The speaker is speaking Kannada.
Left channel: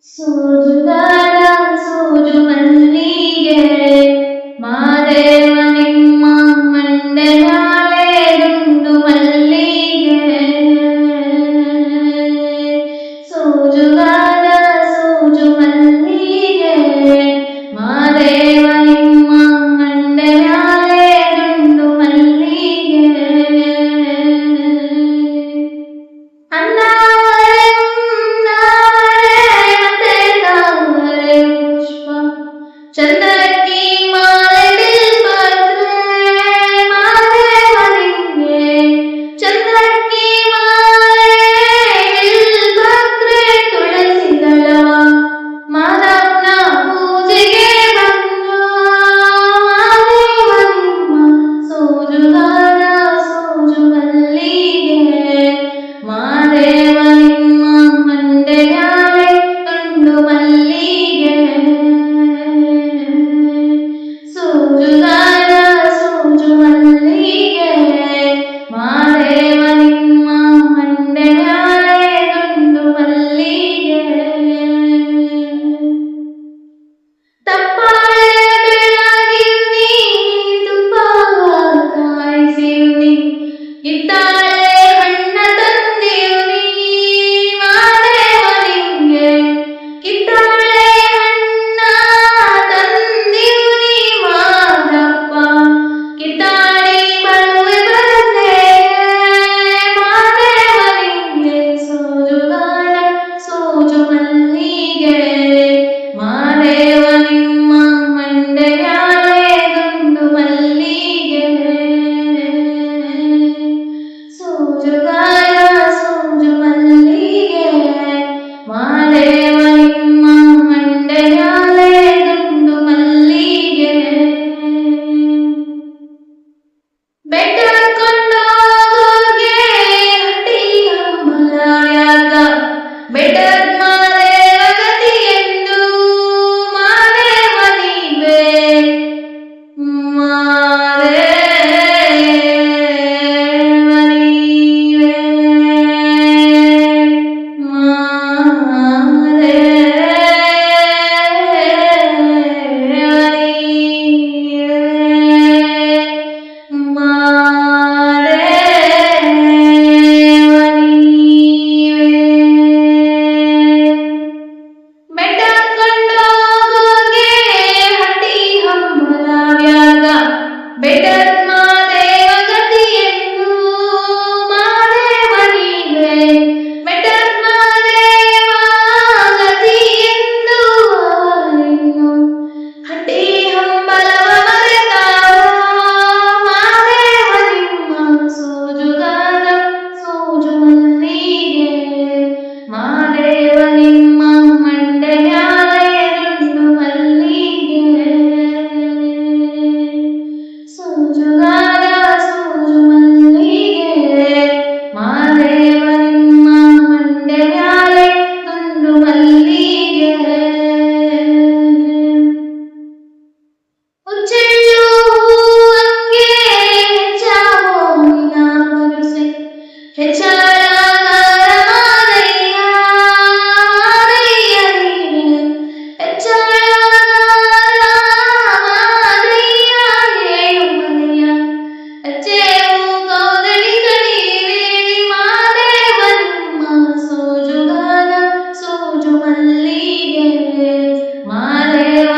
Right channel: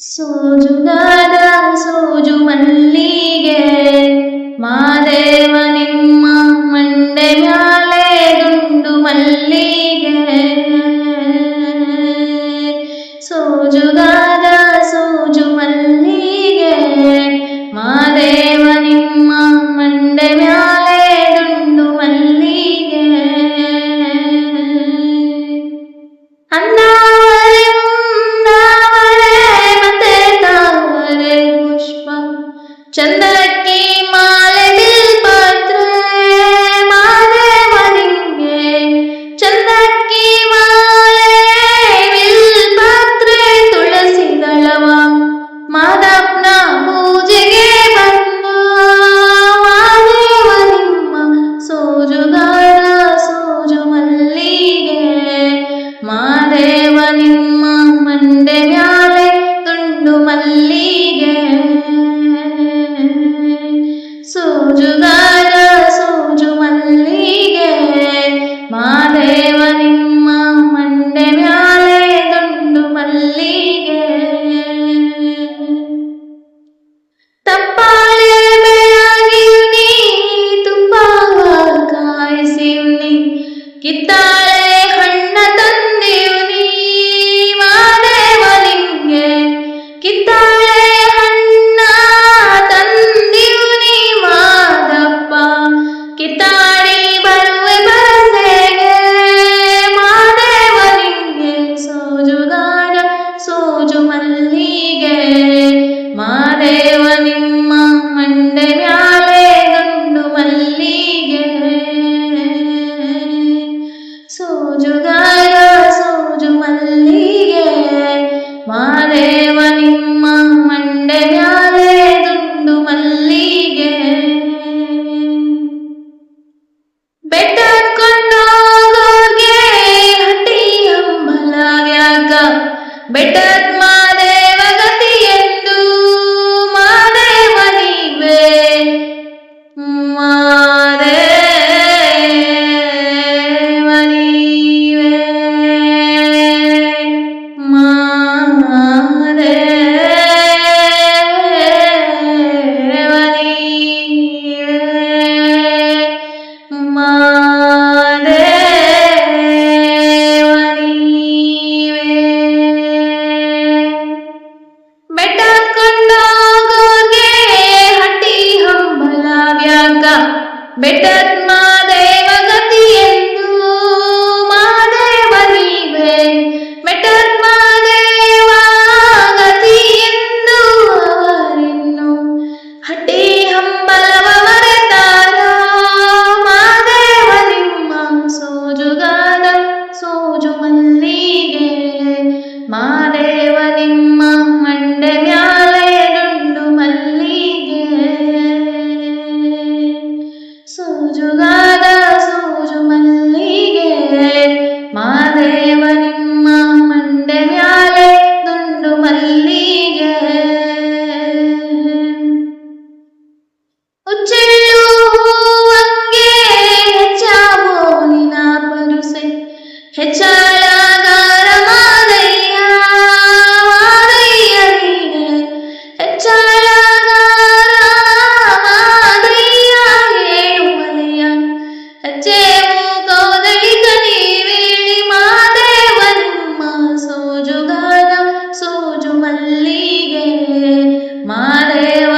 ಸೋಜುಗಾರ ಸೋಜು ಮಲ್ಲಿಗೆ ಮಾದೇವ ನಿಮ್ಮ ಮಂಡೆ ಮ್ಯಾಲೆ ದುಂಡು ಮಲ್ಲಿಗೆ. ಸೋಜುಗಾರ ಸೋಜು ಮಲ್ಲಿಗೆ ಮಾದೇವ ನಿಮ್ಮ ಮಂಡೆ ಮ್ಯಾಲೆ ದುಂಡು ಮಲ್ಲಿಗೆ. ಅಂದಾವರೆ ಮುಂದಾವರೆ ಮತ್ತೆ ತಾವರೆ ಪುಷ್ಪ ಚಂದಕ್ಕಿ ಮಾಲೆ ಬಿಲ್ಪತ್ರೆ ಮಾದೇವ ನಿಂಗೆ. ಚಂದಕ್ಕಿ ಮಾಲೆ ಬಿಲ್ಪತ್ರೆ ತುಳಸಿ ದಳವ ಮಾದಪ್ಪನ ಪೂಜೆಗೆ ಬಂದು ಮಾದೇವ ನಿಮ್ಮ ಸೋಜುಗಾರ ಸೋಜು ಮಲ್ಲಿಗೆ ಮಾದೇವ ನಿಮ್ಮ ಮಂಡೆ ಮ್ಯಾಲೆ ದುಂಡು ಮಲ್ಲಿಗೆ. ಸೋಜುಗಾರ ಸೋಜು ಮಲ್ಲಿಗೆ ಮಾದೇವ ನಿಮ್ಮ ಮಂಡೆ ಮ್ಯಾಲೆ ದುಂಡು ಮಲ್ಲಿಗೆ. ತಪ್ಪಾಳೆ ಬೆಳಗಿವ್ನಿ ತುಪ್ಪಾಗ ಕಾಯಿಸಿವ್ನಿ ಕಿತ್ತಾಳೆ ಹಣ್ಣ ತಂದಿವ್ನಿ ಮಾದೇವ ನಿಂಗೆ. ಕಿತ್ತಾಳೆ ಹಣ್ಣ ತಂದಿವ್ನಿ ಮಾದಪ್ಪ ಕಿತ್ತಾಡಿ ಬರುವೆ ಬರದೆ ಮಾದೇವ ನಿಂಗೆ. ಸೋಜುಗಾರ ಸೋಜು ಮಲ್ಲಿಗೆ ಮಾದೇವ ನಿಮ್ಮ ಮಂಡೆ ಮ್ಯಾಲೆ ದುಂಡು ಮಲ್ಲಿಗೆ. ಸೋಜುಗಾರ ಸೋಜು ಮಲ್ಲಿಗೆ ಮಾದೇವ ನಿಮ್ಮ ಮಂಡೆ ಮ್ಯಾಲೆ ದುಂಡು ಮಲ್ಲಿಗೆ. ಬೆಟ್ಟಕೊಂಡೋಗೋರ್ಗೆ ಹಟ್ಟಿ ಹಂಬಲವ್ಯಾಕ ಬೆಟ್ಟದ ಮಾದೇವ ಗತಿಯೆಂದು ಮಾದೇವ ನೀವೇ. ಮಾದೇವ ನೀವೇ ಮಾದೇವ ನೀವೇ ಮಾದೇವ ನೀವೇ. ಬೆಟ್ಟಕೊಂಡೋಗೋರ್ಗೆ ಹಟ್ಟಿ ಹಂಬಲವ್ಯಾಕ ಬೆಟ್ಟದ ಮಾದೇವ ಗತಿಯೆಂದು ಮಾದೇವ ನೀವೇ. ಬೆಟ್ಟದ ಮಾದೇವ ಗತಿಯೆಂದು ಅವರಿನ್ನು ಹಟ್ಟಿ ಹಂಬಲವ ಮರೆತಾರ ಮಾದೇವ ನಿಮ್ಮ ಸೋಜುಗಾರ ಸೋಜು ಮಲ್ಲಿಗೆ ಮಾದೇವ ನಿಮ್ಮ ಮಂಡೆ ಮ್ಯಾಲೆ ದುಂಡು ಮಲ್ಲಿಗೆ. ಸೋಜುಗಾರ ಸೋಜು ಮಲ್ಲಿಗೆ ಮಾದೇವ ನಿಮ್ಮ ಮಂಡೆ ಮ್ಯಾಲೆ ದುಂಡು ಮಲ್ಲಿಗೆ. ಉಚ್ಚೆಳ್ಳು ಹೂವಂಗೆ ಹೆಚ್ಚಾವೋ ನಿನ ಪರುಸೆ ಹೆಚ್ಚಾಳಗಾರ ಮಾದಯ್ಯ ಮಾದಯ್ಯ ನೀನೆ. ಹೆಚ್ಚಾಳಗಾರ ಮಾದಯ್ಯ ಏಮಯ್ಯ ಹೆಚ್ಚೇವು ಕೌದಳಿ ಕಣಿವೇಳಿ ಮಾದೇವ ನಿಮ್ಮ ಸೋಜುಗಾರ ಸೋಜು ಮಲ್ಲಿಗೆ ಮಾದೇವ